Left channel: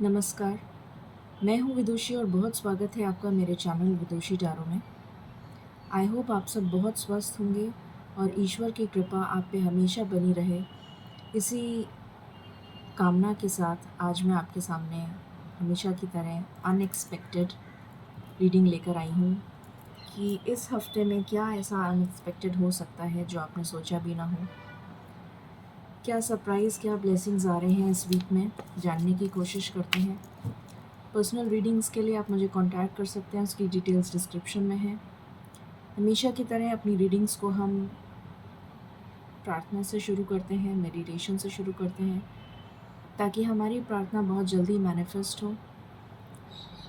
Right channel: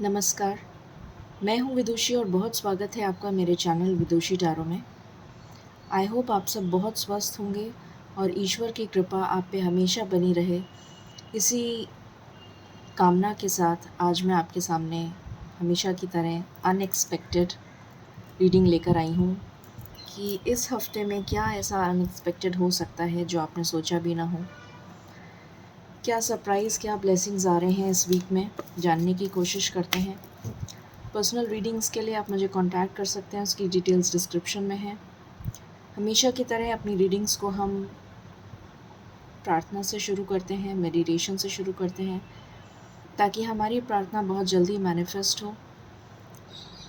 नमस्कार, मैं हूँ विदुषी और बहुत स्वागत है आपका मेरे चैनल विदुषी टैरो में। आई होप आप सब बहुत स्वस्थ होंगे और ईश्वर की कृपा आप पे हमेशा बनी रहे। इसी कामना के साथ आज मैं आपके सामने हमेशा की तरह अनएक्सपेक्टेड रीडिंग लेकर आई हूँ कि इस हफ्ते में क्या ऐसा अनएक्सपेक्टेड हो सकता है जो आपने सोचा भी ना हो। क्या सरप्राइज़, क्या ब्लेसिंग्स आ रहे हैं इस वीक में, जानने की कोशिश करते हैं। पर्सनल रीडिंग्स के लिए आप मुझे कांटेक्ट कर सकते हैं, उसकी डिटेल्स डिस्क्रिप्शन में है। हमेशा की तरह अपनी रीडिंग्स को हम प्रार्थना से शुरू करते हैं, मेडिटेशन से शुरू करते हैं, ताकि हमारी प्रार्थना बहुत जल्दी मैनिफेस्ट हो।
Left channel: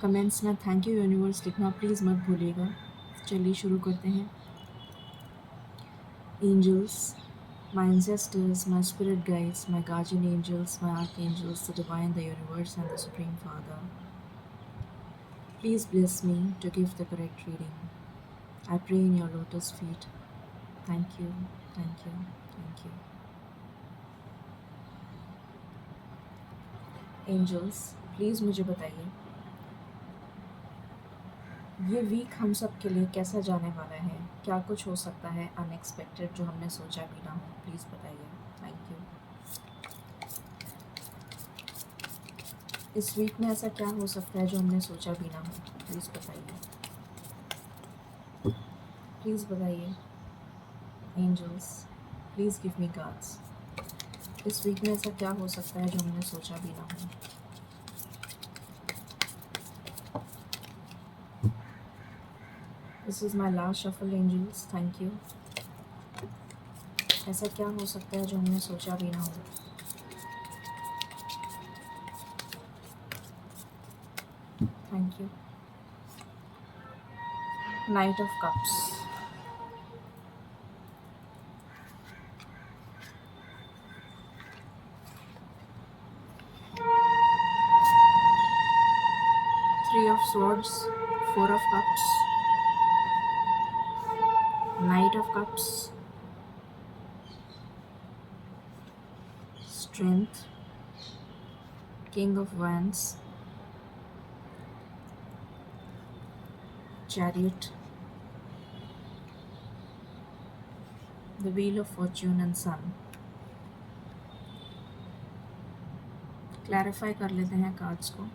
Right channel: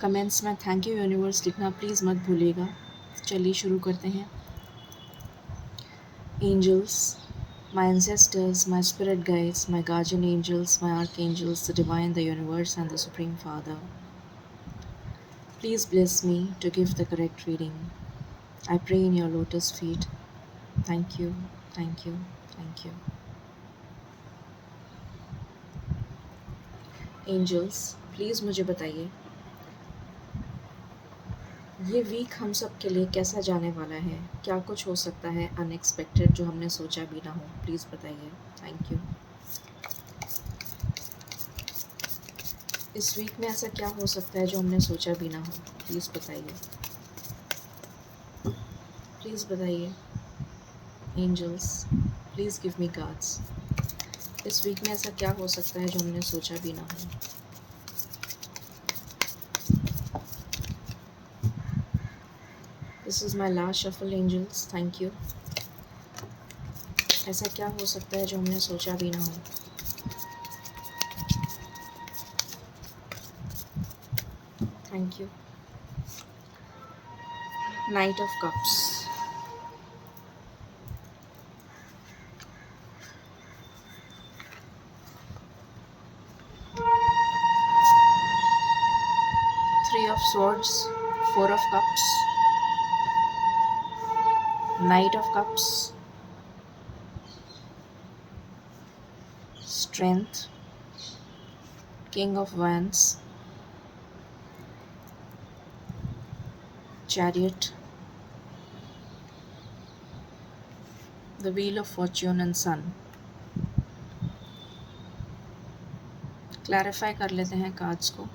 कमेंट्स में थैंक यू यूनिवर्स लिखना प्लीज़ मत भूलिएगा। चलिए शुरू करते हैं। Angels, my ancestors, my spirit guides, my guardian angels, my archangels, the divine, the universe, and the Supreme Father, please bless me to give the correct reading. I pray in your lotus feet. Thank you, thank you, thank you. Angels, please मुझे बताइए ये week हम सब के लिए कैसा जाने वाला है। क्या कुछ हो सकता है अनएक्सपेक्टेड जो हमने सोचा भी ना हो। प्लीज़ बताइए। Thank you. इस वीक में ऐसा क्या हो सकता है जो हमने सोचा भी ना हो। प्लीज़ बताइए, प्लीज़ बताइए। Angels, please give me guides. इस वीक में ऐसा क्या हो सकता है जो हमने सोचा भी ना हो। This is my last shuffle angels, thank you. ऐसा क्या हो सकता है जो हमने सोचा भी ना हो। Thank you. Night of cups, Three of Swords, Four of Cups, Knight of Cups, Strength, King of Wands, Chariot, the Wheel of Fortune and Sun. Clarify कर लेते हैं कार्ड्स को।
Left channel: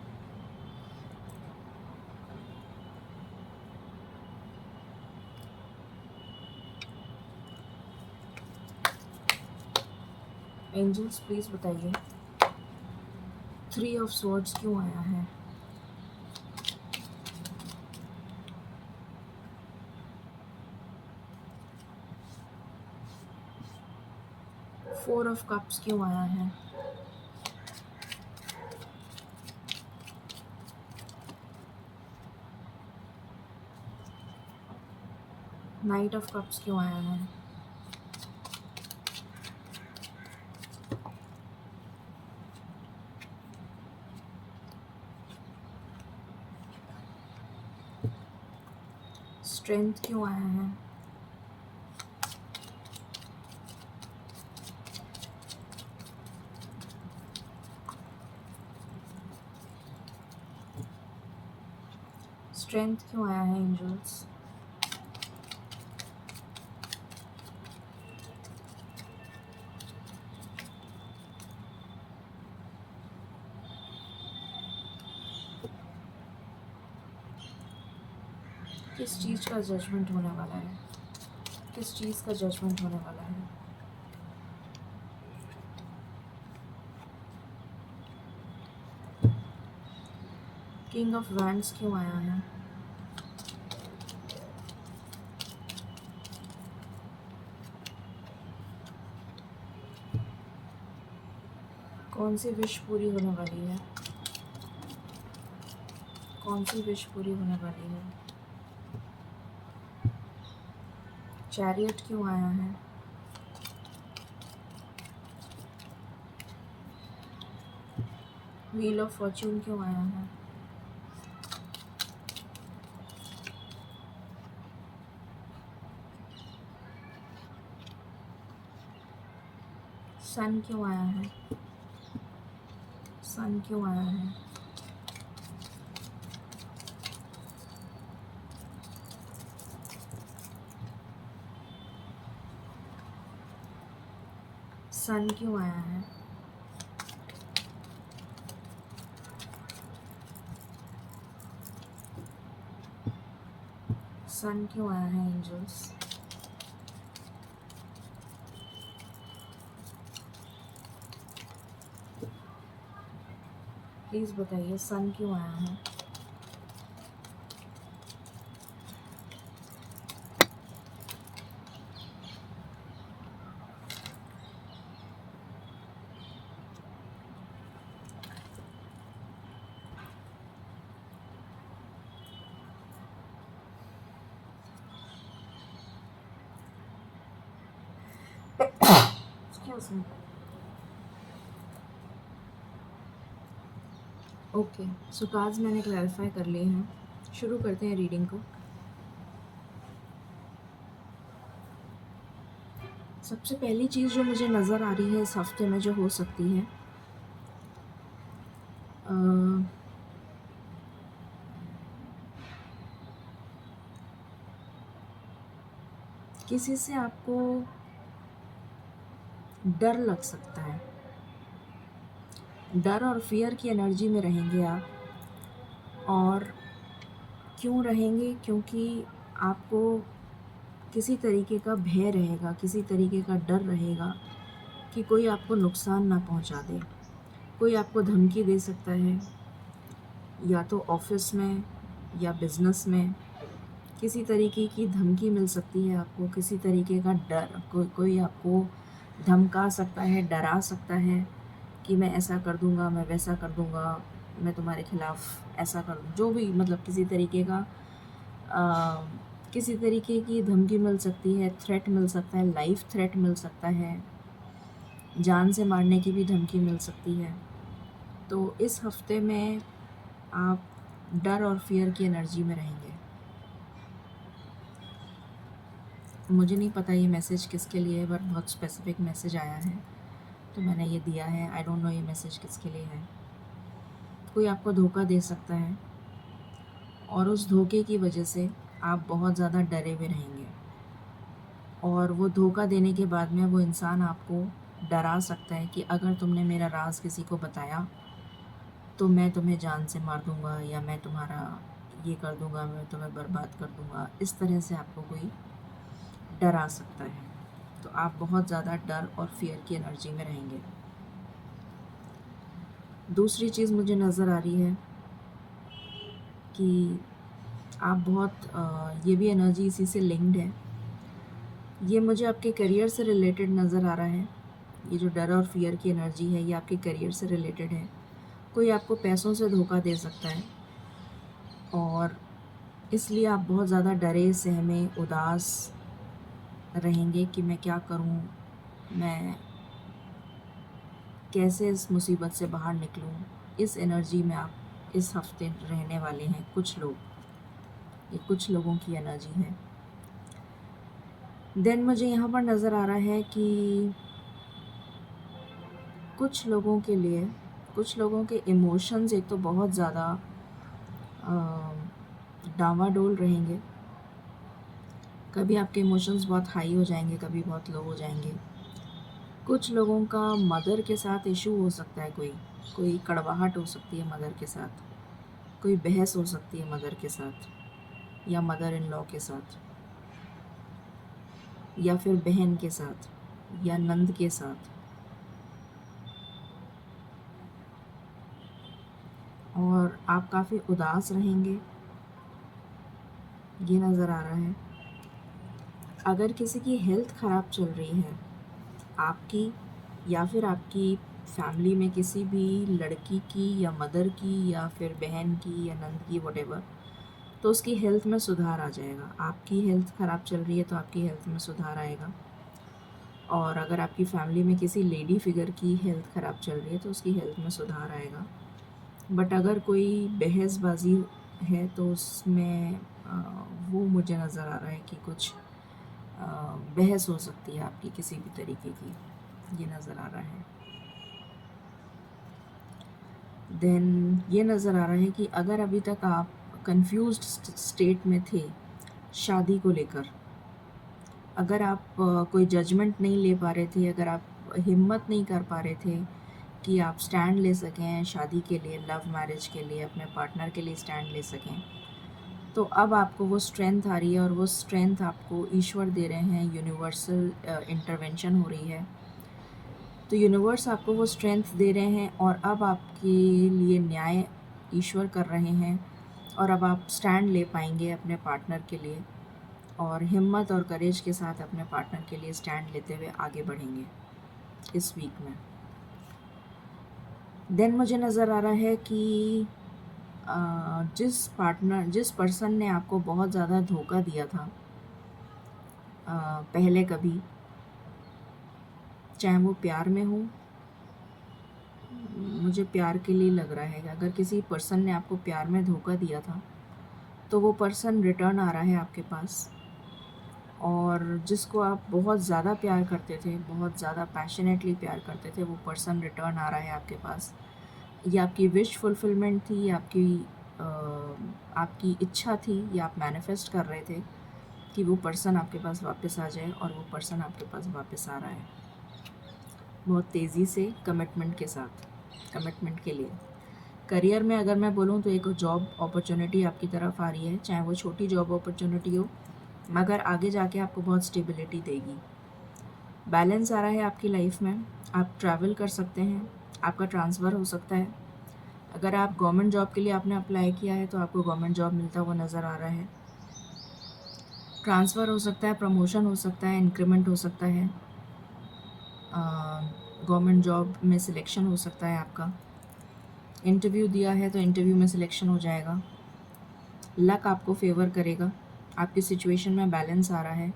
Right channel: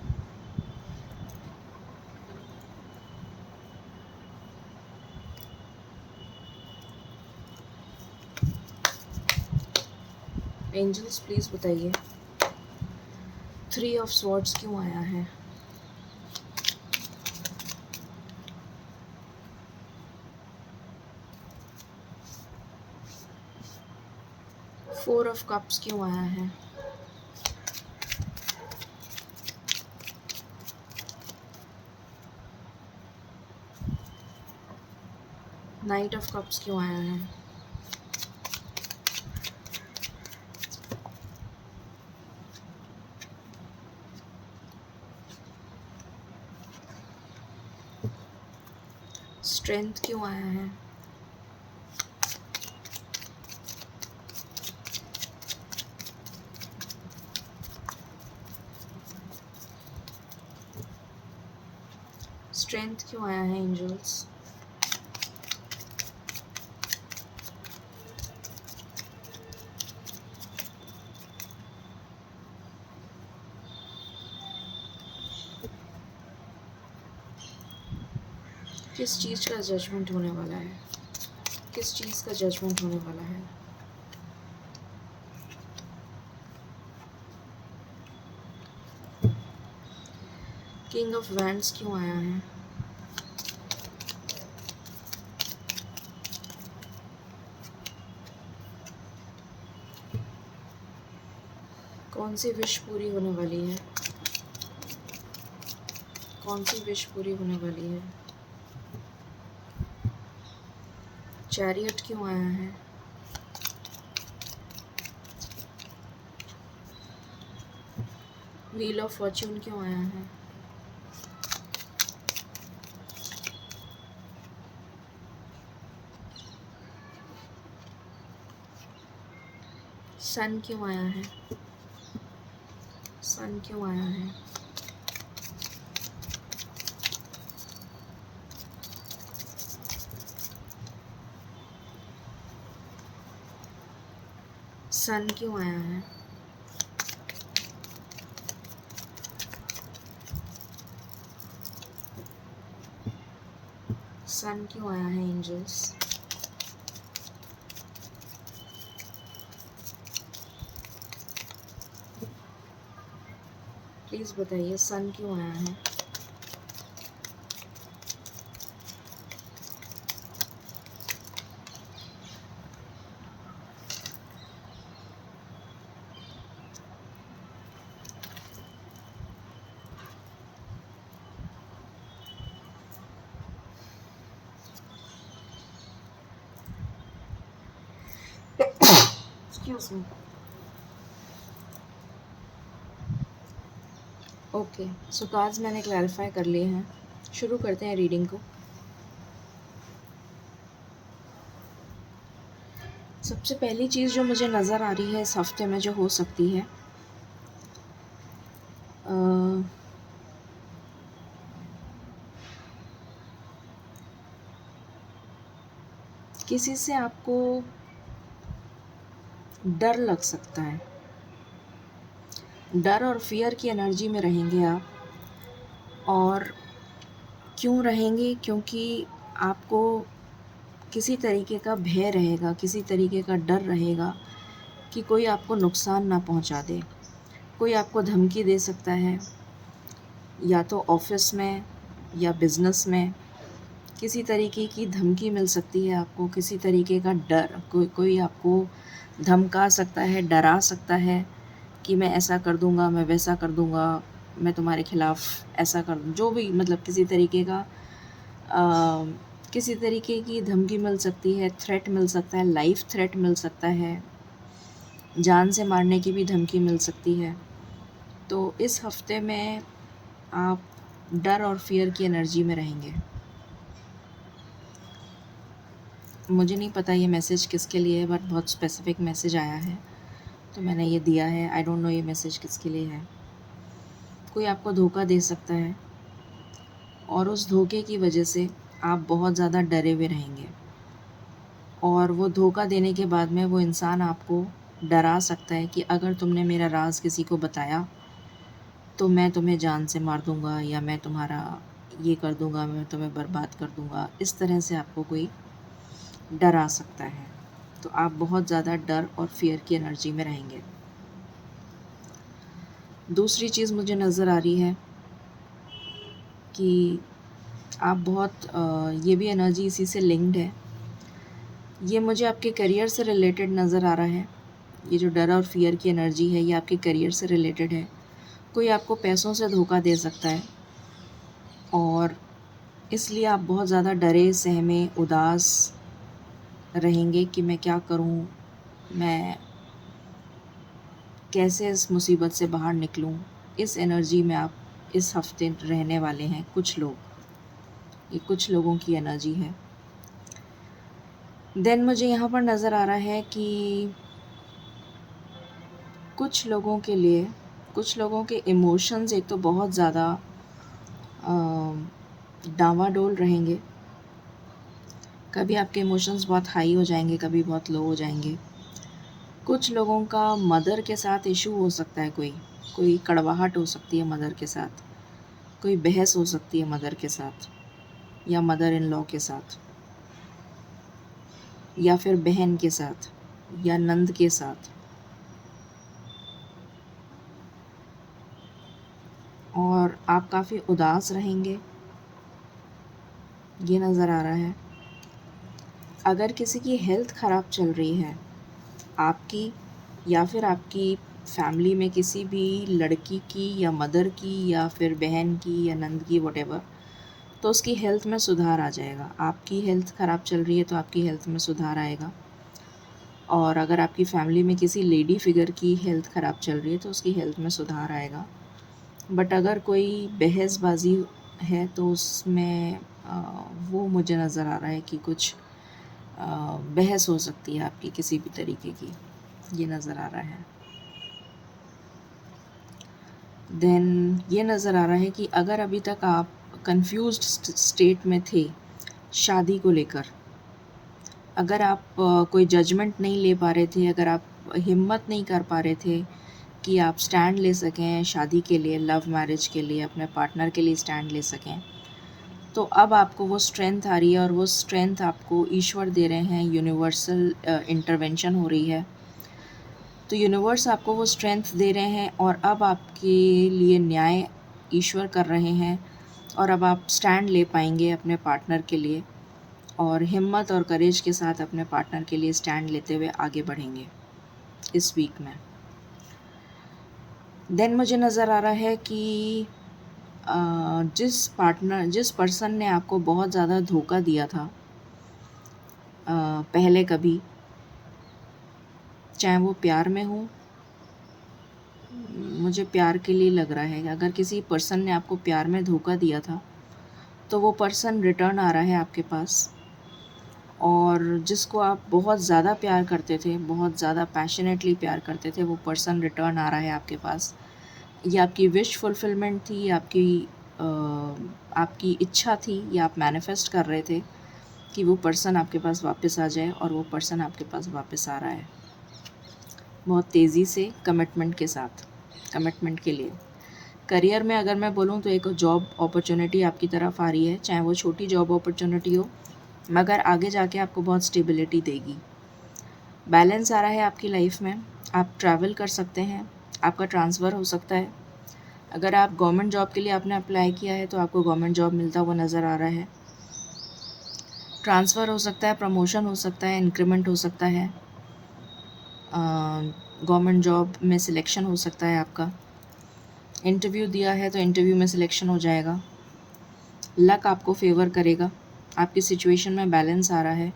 एंजल्स, प्लीज़ बताइए थ्री ऑफ स्वॉर्ड्स क्यों आया है। Four of cups क्यों आया है। नाइट ऑफ कप्स क्यों आया है। स्ट्रेंथ क्यों आया है। स्ट्रेंथ क्यों आया है एंजल्स। किस चीज़ का जजमेंट होने वाला है। किस चीज़ का जजमेंट होने वाला है। किंग ऑफ वैंड्स क्यों आया है। कौन सी विश पूरी होने वाली है। कौन सी विश पूरी होने वाली है। चैरियट क्यों आया है। व्हील ऑफ फॉर्च्यून क्यों आया है। सन क्यों आया है। सन क्यों आया है। सन क्यों आया है? सन क्यों आया है एंजल्स? प्लीज़ बताइए सन क्यों आया है? Excuse me. ओके, सो कार्ड्स मैंने क्लैरिफाई कर लिए हैं। शुरू करते हैं रीडिंग को। सबसे पहली चीज़ जो मुझे नज़र आ रही है इस हफ्ते में जो हो सकती है, किसी से आपको डर लग सकता है। डर और फियर की एनर्जी में रहेंगे आप। और क्यों रहेंगे? क्योंकि आपको किसी तरीके का भय रहेगा, किसी तरीके का डर रहेगा कि कोई आपको नुकसान ना पहुंचा दे। कोई आपको धमकी दे सकता है, या तो ऑफिस में या बिज़नेस में किसी तरीके की धमकी मिल सकती है आपको, किसी तरीके का डर, कोई आपको धमका सकता है, डरा सकता है कि मैं ऐसा कर दूंगा, मैं वैसा कर दूंगा, मैं तुम्हारे खिलाफ़ ऐसा कर दूँ, जो भी मतलब किसी तरीके का किसी तरीके की धमकी मिल सकती है, थ्रेट मिल सकता है, लाइफ थ्रेट मिल सकता है, जान से मारने की भी धमकी मिल सकती है। तो इस हफ्ते में आप डर और फियर की एनर्जी में रहेंगे। मुझे नहीं पता ये मैसेज किसके लिए है, बट बहुत स्पेसिफिक मैसेज आया है तो मैंने ये दिया है। आई डोंट नो ये मैसेज किसके लिए है। कोई आपको धोखा दे सकता है और उस धोखे की वजह से आप बहुत ज़्यादा डरे हुए रहेंगे, और वो धोखा देने के बाद में वो इंसान आपको डरा सकता है कि अगर तुमने मेरा राज किसी को बताया तो मैं तुम्हें जान से मार दूँगा, या मैं तुम्हारा ये कर दूँगा, मैं तुम्हें बर्बाद कर दूँगा। इस तरह से आपको कोई डरा सकता है। तो आप बहुत ज़्यादा डर और फियर की एनर्जी में रहेंगे। दूसरी चीज़ मुझे नज़र आ रही है कि आप बहुत ये भी एनर्जी इसी से लिंक्ड है। ये मुझे आपके करियर से रिलेटेड नज़र आ रहा है। ये जो डर और फियर की एनर्जी है ये आपके करियर से रिलेटेड है। कोई आपको पैसों से धोखा दे सकता है और इसलिए आप बहुत ज़्यादा डरे, सहमे, उदास रहेंगे कि मैं क्या करूं, मैं कैसे इस मुसीबत से बाहर निकलूं। इस एनर्जी में आप इस हफ्ते रहने वाले हैं कुछ लोग। ये कुछ लोगों की एनर्जी है। देन मुझे यहाँ पर नज़र आ रहा है कि कुछ लोगों के लिए, कुछ लोगों के इमोशंस एक तो बहुत ज़्यादा डामाडोल रहेंगे। कभी आपके इमोशंस बहुत हाई हो जाएंगे, कभी बहुत लो हो जाएंगे। कुछ लोगों का मदर के साथ इशू हो सकता है, कोई कड़वाहट हो सकती है मदर के साथ, कोई बहस हो सकती है मदर के साथ या मदर इन लॉ के साथ, या फिर बहन के साथ या नंद के साथ। और आप काफ़ी उदास रहेंगे, ये नज़र आ रहा है। अगर किसी की हेल्थ ख़राब चल रही है आपकी, या फिर आपकी फैमिली में किसी भी लड़की की या मदर की या फिर बहन की या नंद की, वॉटेवर, तो उसकी हेल्थ में सुधार आ जाएगा। आपकी हेल्थ ख़राब चल रही है तो आपकी हेल्थ में सुधार आएगा। और अगर आपकी फैमिली में किसी लेडी फिगर की हेल्थ ख़राब चल रही है तो उसकी हेल्थ में सुधार आएगा। बट अगर कोई बहसबाजी है तो उसमें वो मुझे नज़र आ रहा है कि कुछ बहस हो सकती है आपकी किसी भी तरीके की, ये नज़र आ रहा है। देन ये नज़र आ रहा है कि अगर अभी तक आप कंफ्यूज्ड स्टेट में थे शादी को लेकर, अगर आप कोई जजमेंट नहीं ले पा रहे थे, अगर आप हिम्मत नहीं कर पा रहे थे कि आप स्टैंड ले सकें शादी के लिए, लव मैरिज के लिए, अपने पार्टनर के लिए स्टैंड ले सकें, तो अब आपको वो स्ट्रेंथ आ रही है और वो स्ट्रेंथ आपको ईश्वर दे रहे हैं, यूनिवर्सल इंटरवेंशन हो रही है। तो यूनिवर्स आपको वो स्ट्रेंथ दे रहे हैं और अब आपके लिए न्याय ईश्वर कर रहे हैं और अब आप स्टैंड ले पाएंगे अपने पार्टनर के लिए और हिम्मत और करेज के साथ अपने पार्टनर के लिए स्टैंड लेते हुए आगे बढ़ेंगे इस वीक में। देन मुझे नज़र आ रहा है कि जिस पर्सन ने आपको बहुत ज़्यादा धोखा दिया था पहले कभी, चाहे वो प्यार में हो, मुझे प्यार के लिए लग रहा है कि अगर किसी पर्सन ने आपको प्यार में धोखा दिया था तो वो पर्सन रिटर्न आ रहा है आपके पास, और जिसको आप बहुत ज़्यादा प्यार करते थे, बहुत ज़्यादा पैशनेटली प्यार करते थे, वो पर्सन रिटर्न आ रहा है आपके पास। ये आपकी विश फुलफिलमेंट थी, आपकी इच्छा थी, या आप मैनिफेस्ट कर रहे थे कि वो पर्सन आपके पास वापस आ जाए, और वो पर्सन आपके पास वापस आ रहा है बहुत तेज़ी से, कमिटमेंट के साथ, कमिटमेंट के लिए। करियर में अगर मैं बोलूँ तो एक जॉब अपॉर्चुनिटी आपकी तरफ आ रही है, चाहे वो छोटी जॉब अपॉर्चुनिटी हो, मगर आगे जाके आपको बहुत स्टेबिलिटी देगी। बैलेंस आ रहा है आपकी लाइफ में, आप ट्रैवल कर सकते हैं, आपका ट्रांसफ़र हो सकता है। अगर आप गवर्नमेंट जॉब के लिए आपने अप्लाई किया है तो आपको गवर्नमेंट जॉब मिलता हुआ नज़र आ रहा है। ट्रांसफ़र हो सकता है, प्रमोशन हो सकता है, इंक्रीमेंट हो सकता है, गवर्नमेंट जॉब में सिलेक्शन हो सकता है आपका। इंटरव्यू दिया है तो इंटरव्यू में सिलेक्शन हो जाएगा। लक आपको फेवर करेगा, आपकी सिचुएशन में बैलेंस आ रहा है।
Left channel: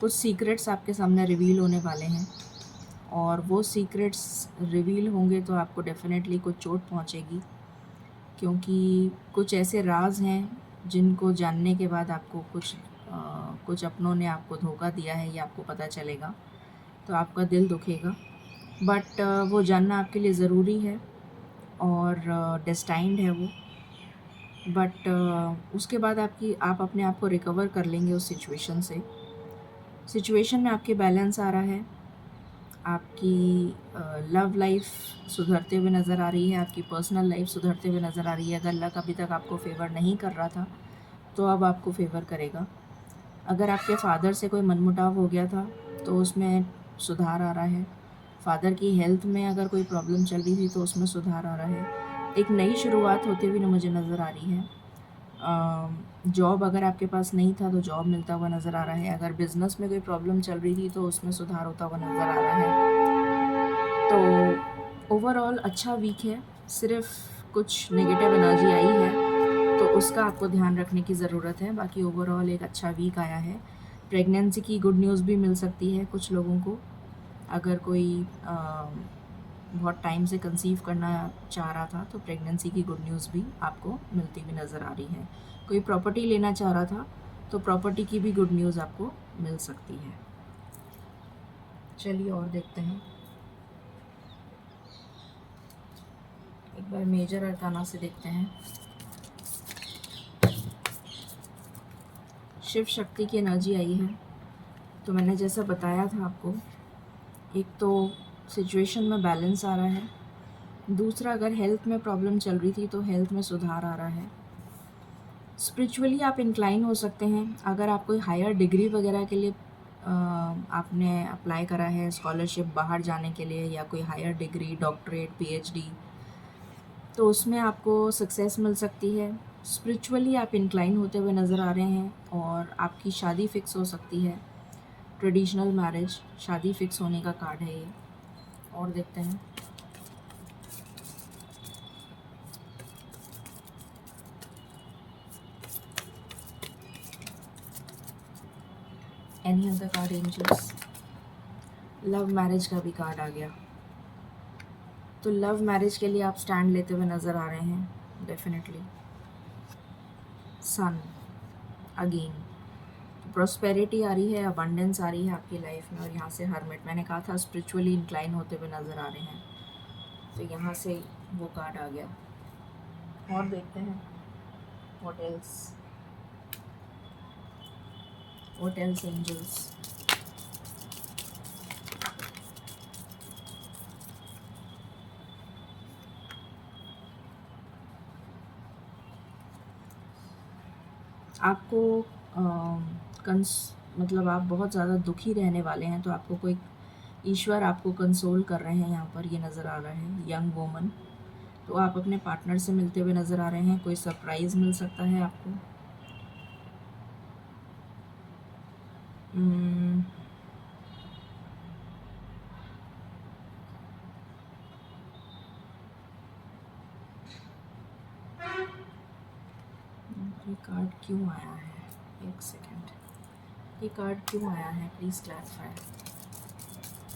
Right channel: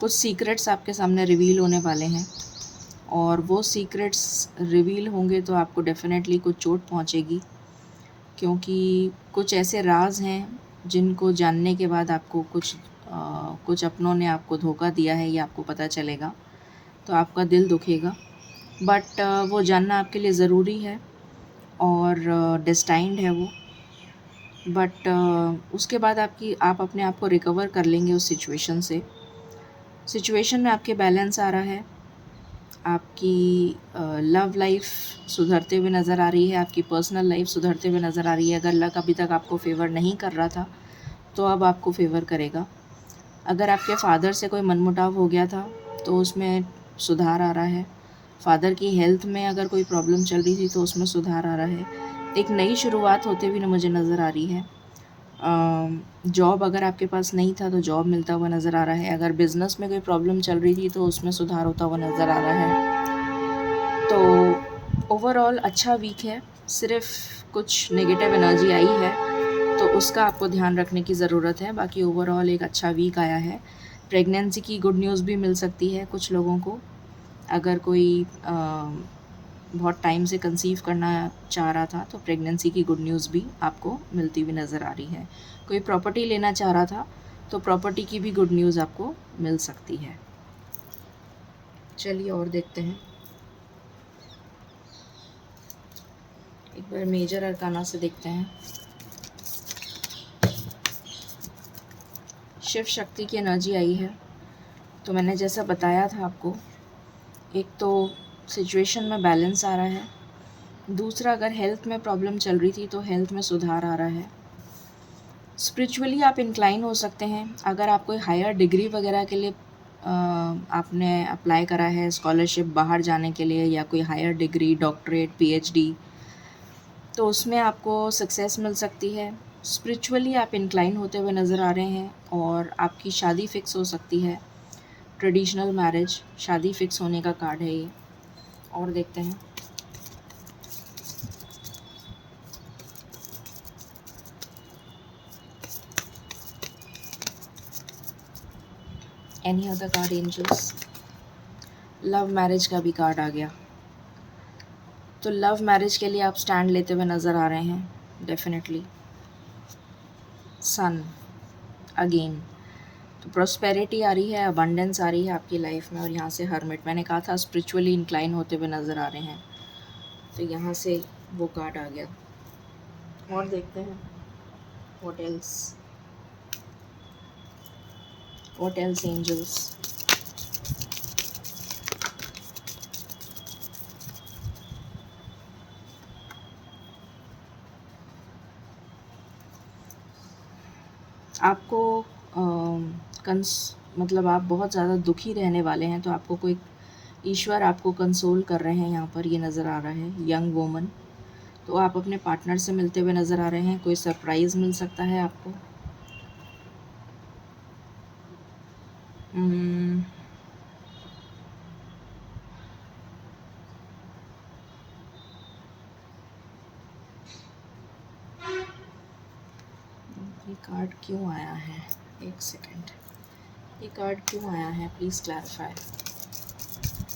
कुछ सीक्रेट्स आपके सामने रिवील होने वाले हैं, और वो सीक्रेट्स रिवील होंगे तो आपको डेफिनेटली कुछ चोट पहुंचेगी, क्योंकि कुछ ऐसे राज हैं जिनको जानने के बाद आपको कुछ अपनों ने आपको धोखा दिया है, ये आपको पता चलेगा, तो आपका दिल दुखेगा। बट वो जानना आपके लिए ज़रूरी है और डेस्टाइंड है वो। बट उसके बाद आप अपने आप को रिकवर कर लेंगे उस सिचुएशन से। सिचुएशन में आपके बैलेंस आ रहा है, आपकी लव लाइफ सुधरते हुए नज़र आ रही है, आपकी पर्सनल लाइफ सुधरते हुए नज़र आ रही है। अगर लक अभी तक आपको फेवर नहीं कर रहा था तो अब आपको फेवर करेगा। अगर आपके फादर से कोई मनमुटाव हो गया था तो उसमें सुधार आ रहा है। फादर की हेल्थ में अगर कोई प्रॉब्लम चल रही थी तो उसमें सुधार आ रहा है। एक नई शुरुआत होते हुए मुझे नज़र आ रही है। जॉब अगर आपके पास नहीं था तो जॉब मिलता हुआ नज़र आ रहा है। अगर बिज़नेस में कोई प्रॉब्लम चल रही थी तो उसमें सुधार होता हुआ नज़र आ रहा है। तो ओवरऑल अच्छा वीक है, सिर्फ कुछ नेगेटिव एनर्जी आई है तो उसका आपको ध्यान रखने की ज़रूरत है। बाकी ओवरऑल एक अच्छा वीक आया है। प्रेगनेंसी की गुड न्यूज़ भी मिल सकती है कुछ लोगों को। अगर कोई बहुत टाइम से कंसीव करना चाह रहा था तो प्रेगनेंसी की गुड न्यूज़ भी आपको मिलती हुई नज़र आ रही है। कोई प्रॉपर्टी लेना चाह रहा था तो प्रॉपर्टी की भी गुड न्यूज़ आपको मिल सकती है। चलिए और देखते हैं, एक बार मेजर अरकाना से देखते हैं। शिव शक्ति की एनर्जी आई है। तो मैंने जैसा बताया था आपको, एक तो सिचुएशन में बैलेंस आ रहा है, दूसरा अगर हेल्थ में प्रॉब्लम चल रही थी तो हेल्थ में सुधार आ रहा है। स्पिरिचुअली आप इंक्लाइन हो सकते हैं। अगर आप कोई हायर डिग्री वगैरह के लिए आपने अप्लाई करा है, स्कॉलरशिप बाहर जाने के लिए, या कोई हायर डिग्री, डॉक्टरेट, पीएचडी, तो उसमें आपको सक्सेस मिल सकती है। स्पिरिचुअली आप इंक्लाइन होते हुए नज़र आ रहे हैं और आपकी शादी फ़िक्स हो सकती है। ट्रेडिशनल मैरिज, शादी फ़िक्स होने का कार्ड है ये। और देखते हैं, any other card angels. Love marriage का भी कार्ड आ गया। तो लव मैरिज के लिए आप स्टैंड लेते हुए नज़र आ रहे हैं डेफिनेटली। सन अगेन, तो प्रॉस्पेरिटी आ रही है, अबंडेंस आ रही है आपकी लाइफ में। और यहाँ से हर्मिट, मैंने कहा था स्पिरिचुअली इंक्लाइन होते हुए नज़र आ रहे हैं, तो यहाँ से वो कार्ड आ गया। और देखते हैं व्हाट एल्स एंजल्स। आपको मतलब आप बहुत ज़्यादा दुखी रहने वाले हैं, तो आपको कोई ईश्वर आपको कंसोल कर रहे हैं, यहाँ पर ये नज़र आ रहा है यंग वुमन। तो आप अपने पार्टनर से मिलते हुए नज़र आ रहे हैं, कोई सरप्राइज़ मिल सकता है आपको। ये कार्ड क्यों आया है? एक सेकेंड, ये कार्ड क्यों आया है? प्लीज़ क्लैरिफाई,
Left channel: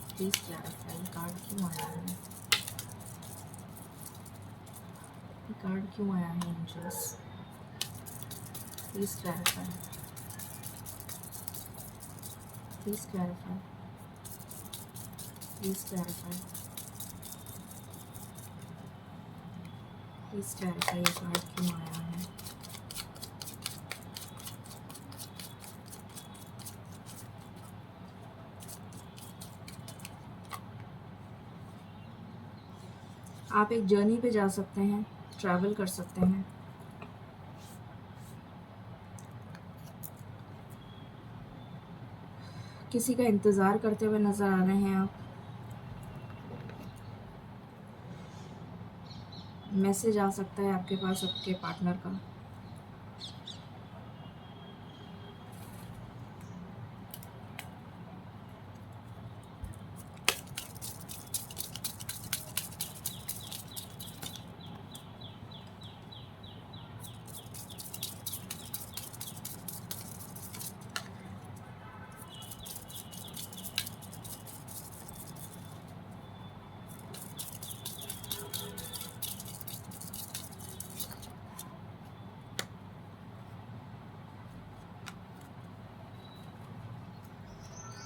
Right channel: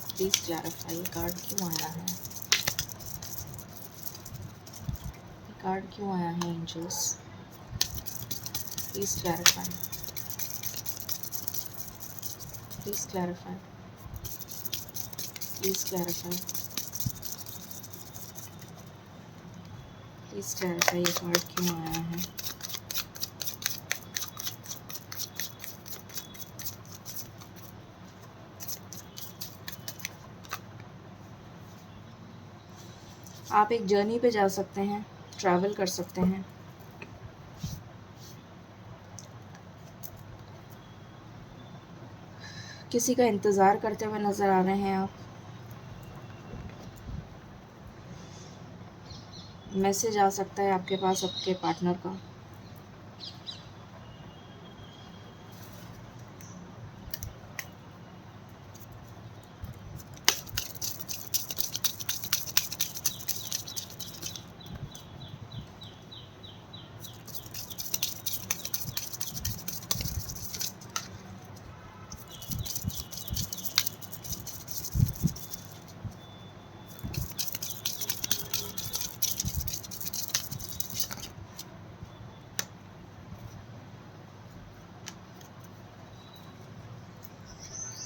प्लीज़ क्लैरिफाई, ये कार्ड क्यों आया है? ये कार्ड क्यों आया है angels? Please clarify, please clarify, please clarify, please clarify, ये कार्ड क्यों आया है? आप एक जर्नी पे जा सकते हैं, ट्रैवल कर सकते हैं। किसी का इंतज़ार करते हुए नज़र आ रहे हैं आप। मैसेज आ सकता है आपके पास आपके पार्टनर का।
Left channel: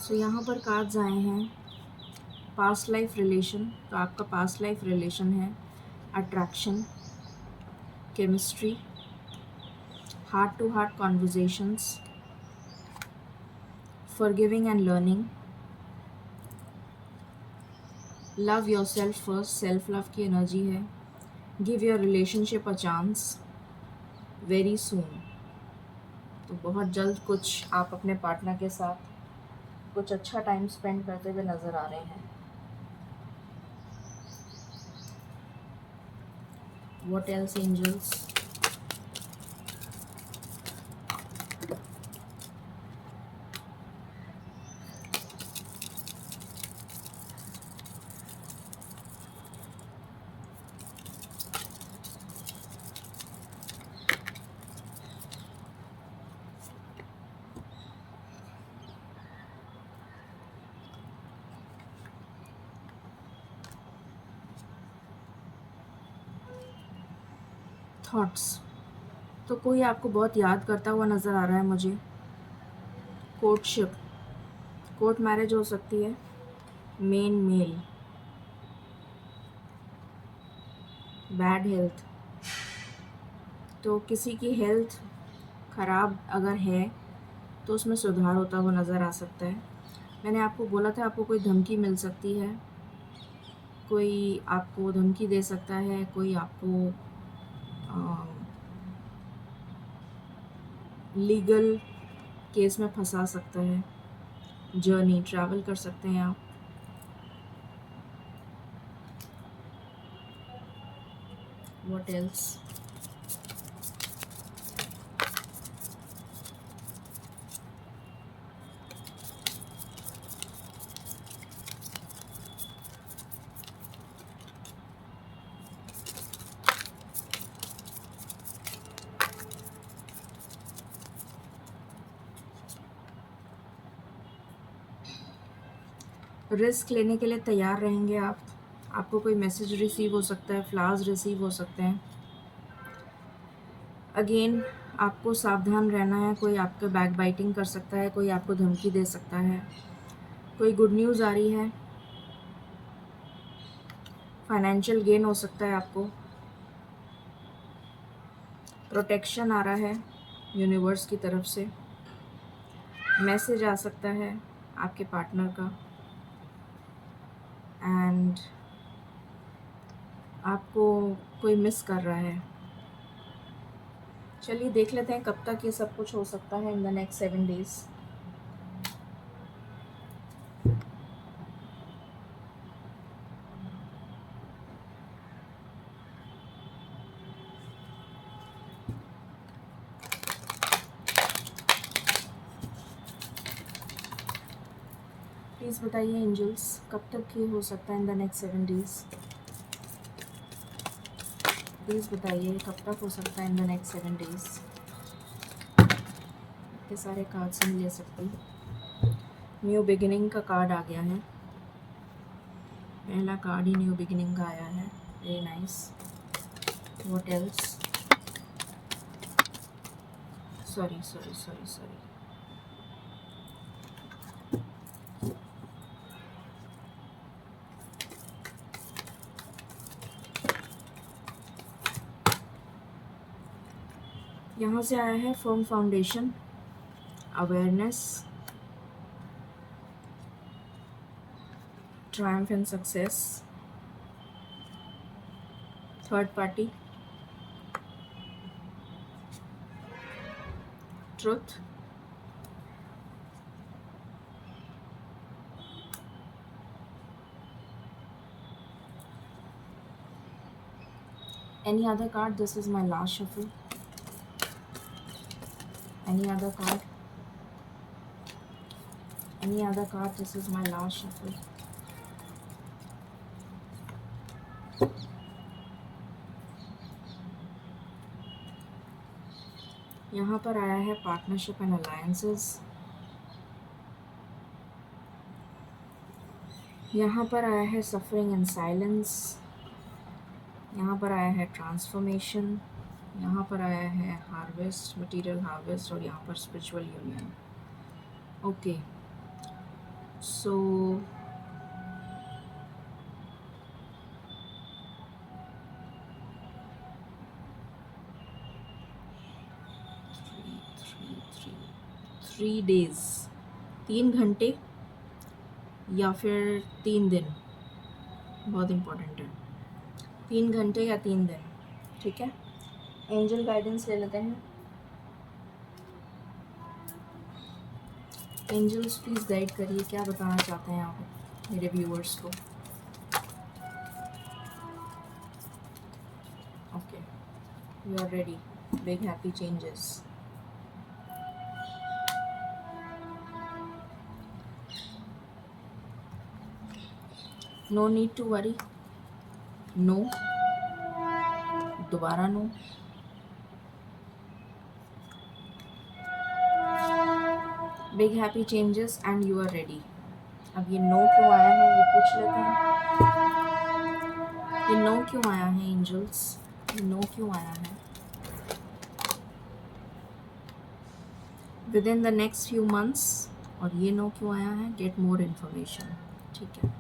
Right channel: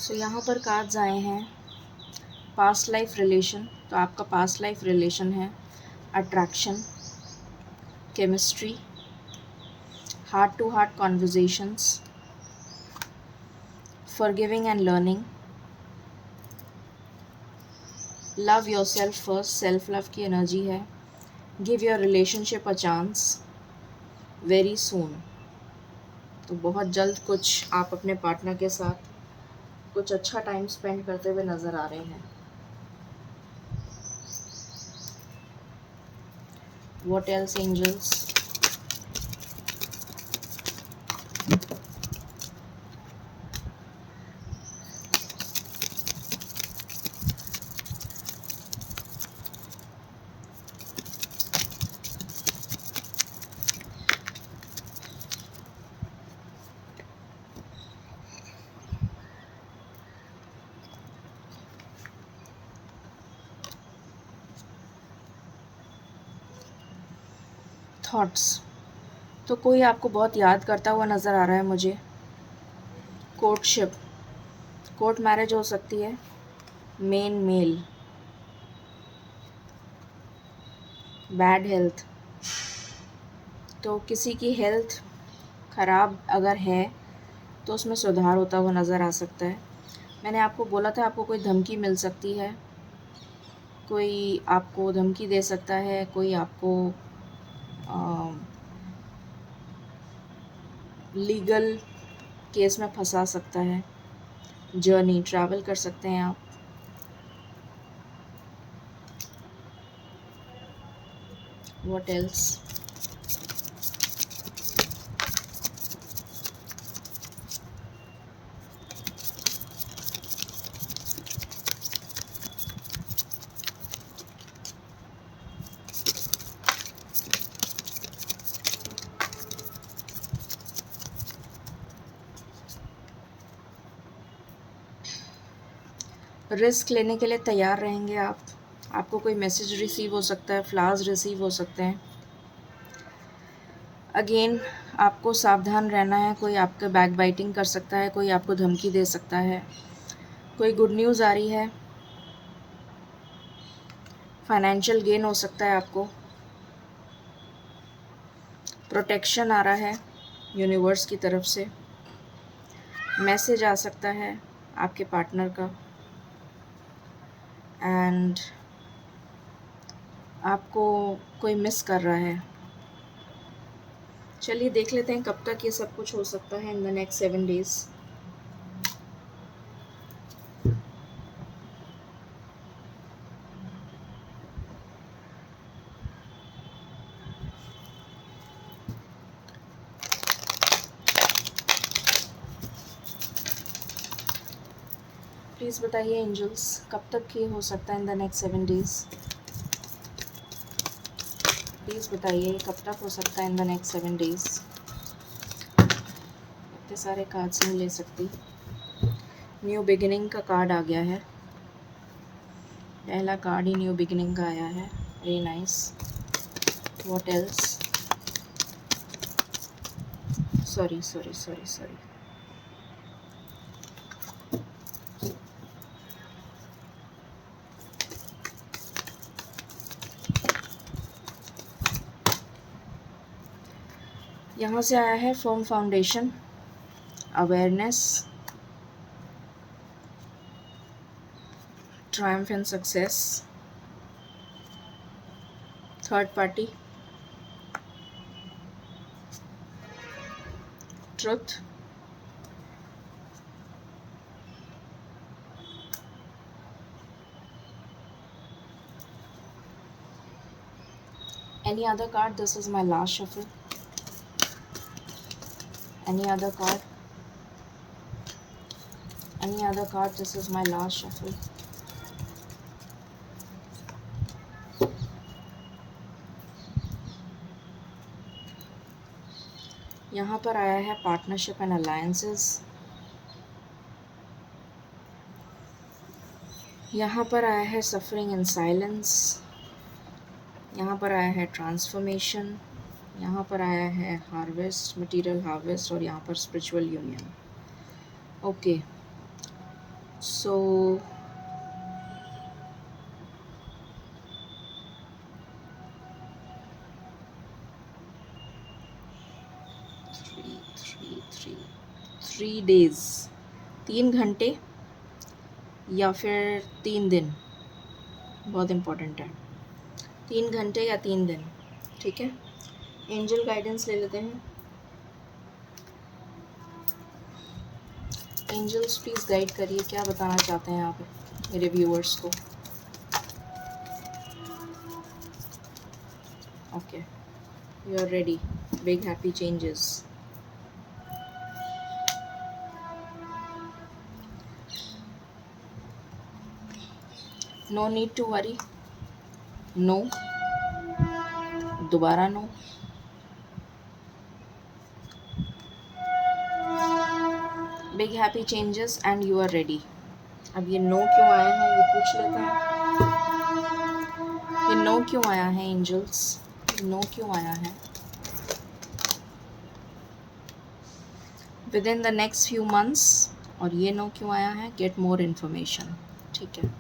सो यहाँ पर कार्ड्स आए हैं पास्ट लाइफ रिलेशन। तो आपका पास्ट लाइफ रिलेशन है attraction, chemistry, heart to heart conversations, forgiving and learning, love your self first, self love की एनर्जी है। Give your relationship a chance very soon. तो बहुत जल्द कुछ आप अपने पार्टनर के साथ कुछ अच्छा टाइम स्पेंड करते हुए नज़र आ रहे हैं। What else, angels? थॉट्स। तो कोई आपको बहुत याद करता हुआ नज़र आ रहा है मुझे। कोर्टशिप, कोर्ट मैरिज हो सकती है। Main mail, bad health. तो किसी की हेल्थ ख़राब अगर है तो उसमें सुधार होता हुआ नज़र आ सकता है। मैंने आपको बोला था आपको कोई धमकी मिल सकती है, कोई आपको धमकी दे सकता है, कोई आपको लीगल केस में फंसा सकता है। जर्नी, ट्रैवल कर सकते हैं आप। What else? रिस्क लेने के लिए तैयार रहेंगे आप। आपको कोई मैसेज रिसीव हो सकता है, फ्लावर्स रिसीव हो सकते हैं। अगेन आपको सावधान रहना है, कोई आपका बैक बाइटिंग कर सकता है, कोई आपको धमकी दे सकता है। कोई गुड न्यूज़ आ रही है, फाइनेंशियल गेन हो सकता है आपको। प्रोटेक्शन आ रहा है यूनिवर्स की तरफ से। मैसेज आ सकता है आपके पार्टनर का। एंड आपको कोई मिस कर रहा है। चलिए देख लेते हैं कब तक ये सब कुछ हो सकता है in the next 7 days. Please बताइए एंजल्स, कब तक ये हो सकता है in the next 7 days. Please बताइए कब तक हो सकता है इन द नेक्स्ट 7 डेज़। इतने सारे कार्ड्स नहीं ले सकती। न्यू बिगिनिंग का कार्ड आ गया है, पहला कार्ड ही न्यू बिगिनिंग का आया है। Very nice. What else? Sorry sorry sorry sorry. यहाँ से आया है firm foundation, awareness, Triumph and success, third party, truth, any other card? This is my last shuffle. Any other card? Any other card? This is my last shuffle. यहाँ पर आया है partnership and alliances, यहाँ पर आया है suffering in silence, यहाँ पर आया है ट्रांसफॉर्मेशन, यहाँ पर आया है हार्वेस्ट, मटेरियल हार्वेस्ट, और यहाँ पर spiritual union. Okay, so three days, 3 घंटे या फिर 3 दिन, बहुत इम्पोर्टेंट है, 3 घंटे या 3 दिन। ठीक है, एंजल गाइडेंस ले लेते हैं। एंजल्स प्लीज़ गाइड करिए, क्या बताना चाहते हैं आप मेरे व्यूअर्स को। Okay, you are ready, big happy changes. No need to worry, no, दोबारा no, big happy changes and you are ready. अब ये नो क्यों आया है ये पूछ लेते हैं। ये नो क्यों आया है एंजल्स, ये नो क्यों आया है? With in the next few months, और ये नो क्यों आया है? Get more information. ठीक है,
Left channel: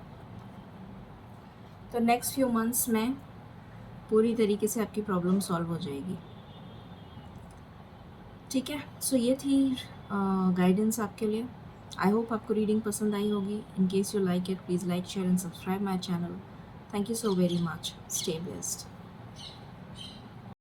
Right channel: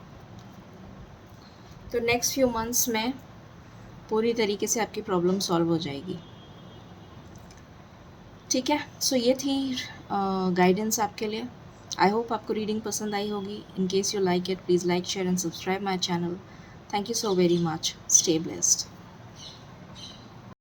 तो नेक्स्ट फ्यू मंथ्स में पूरी तरीके से आपकी प्रॉब्लम सॉल्व हो जाएगी। ठीक है, सो ये थी गाइडेंस आपके लिए। आई होप आपको रीडिंग पसंद आई होगी। In case you like it, please like, share and subscribe my channel. Thank you so very much. Stay blessed.